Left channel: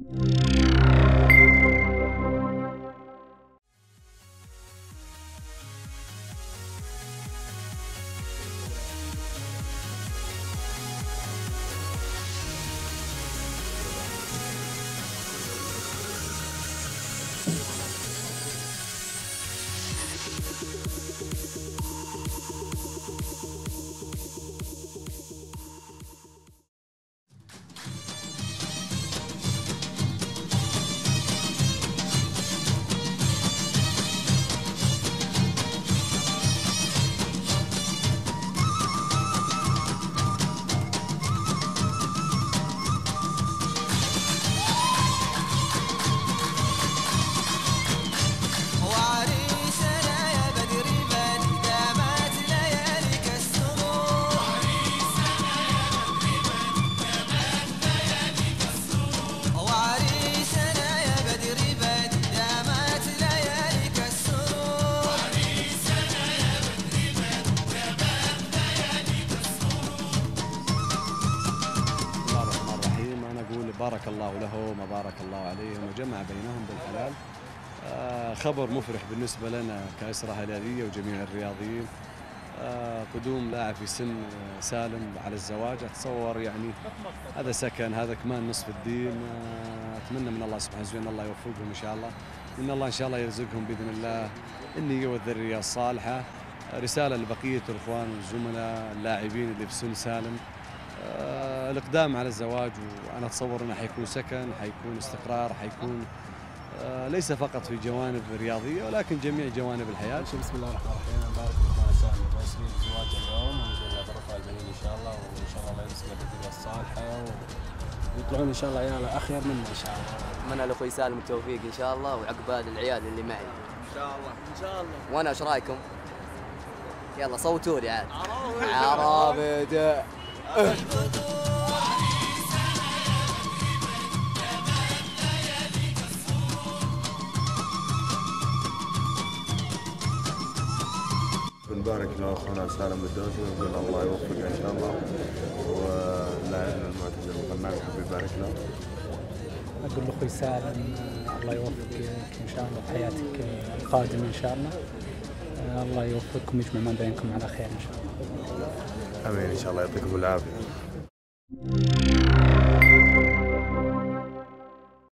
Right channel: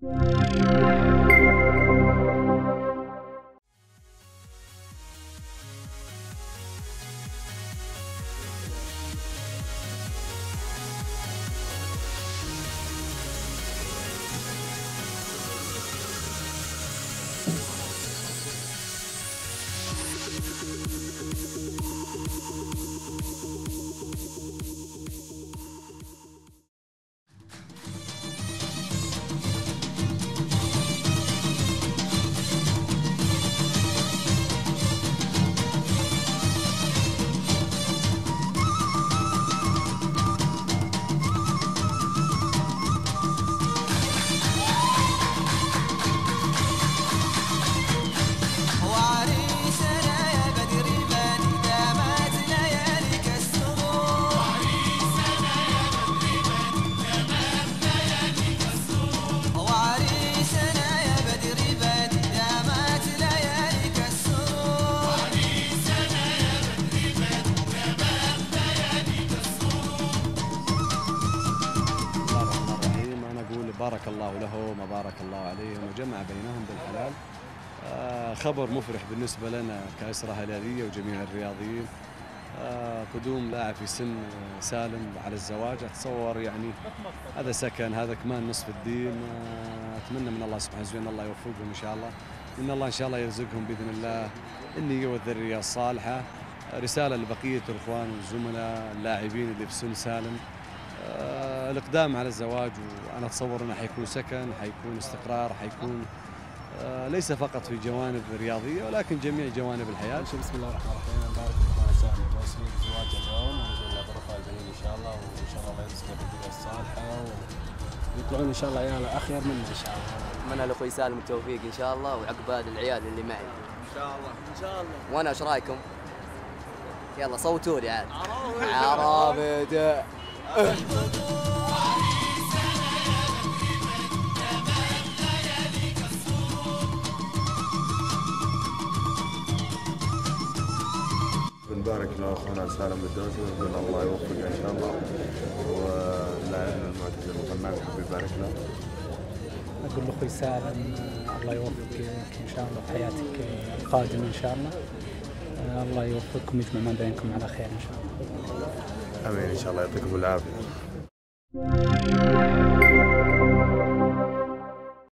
بسم الله الرحمن الرحيم. أنا أقول بارك الله لهم وبارك الله عليهم وجمع بينهم بالحلال. خبر مفرح بالنسبة لنا كأسرة هلالية وجميع الرياضيين. قدوم لاعب في سن سالم على الزواج، أتصور يعني هذا سكن، هذا كمان نصف الدين. أتمنى من الله سبحانه وتعالى أن الله يوفقهم إن شاء الله، وأن الله إن شاء الله يرزقهم بإذن الله النية والذرية الصالحة. رسالة لبقية الإخوان والزملاء اللاعبين اللي في سن سالم، الإقدام على الزواج، وأنا أتصور أنه حيكون سكن، حيكون استقرار، حيكون ليس فقط في جوانب رياضية ولكن جميع جوانب الحياة. بسم الله الرحمن الرحيم. نبارك لإخوان سالم الدوسري بزواجه اليوم، ونقول له بركة البنين إن شاء الله، وإن شاء الله يرزقه بالذرية الصالحة ويطلعون إن شاء الله عيال أخير منا إن شاء الله. أتمنى لأخوي سالم التوفيق إن شاء الله، وعقبال العيال اللي معي إن شاء الله إن شاء الله. وأنا إيش رأيكم؟ يلا صوتوا لي عاد. عرابي بنبارك لاخونا سالم الدوسري ونقول الله يوفقه ان شاء الله، ولاعبنا المعتز الغناوي يحب يبارك له. اقول لاخوي سالم الله يوفقك ان شاء الله في حياتك القادمه ان شاء الله. الله يوفقكم ويجمع ما بينكم على خير ان شاء الله. امين ان شاء الله، يعطيكم العافيه.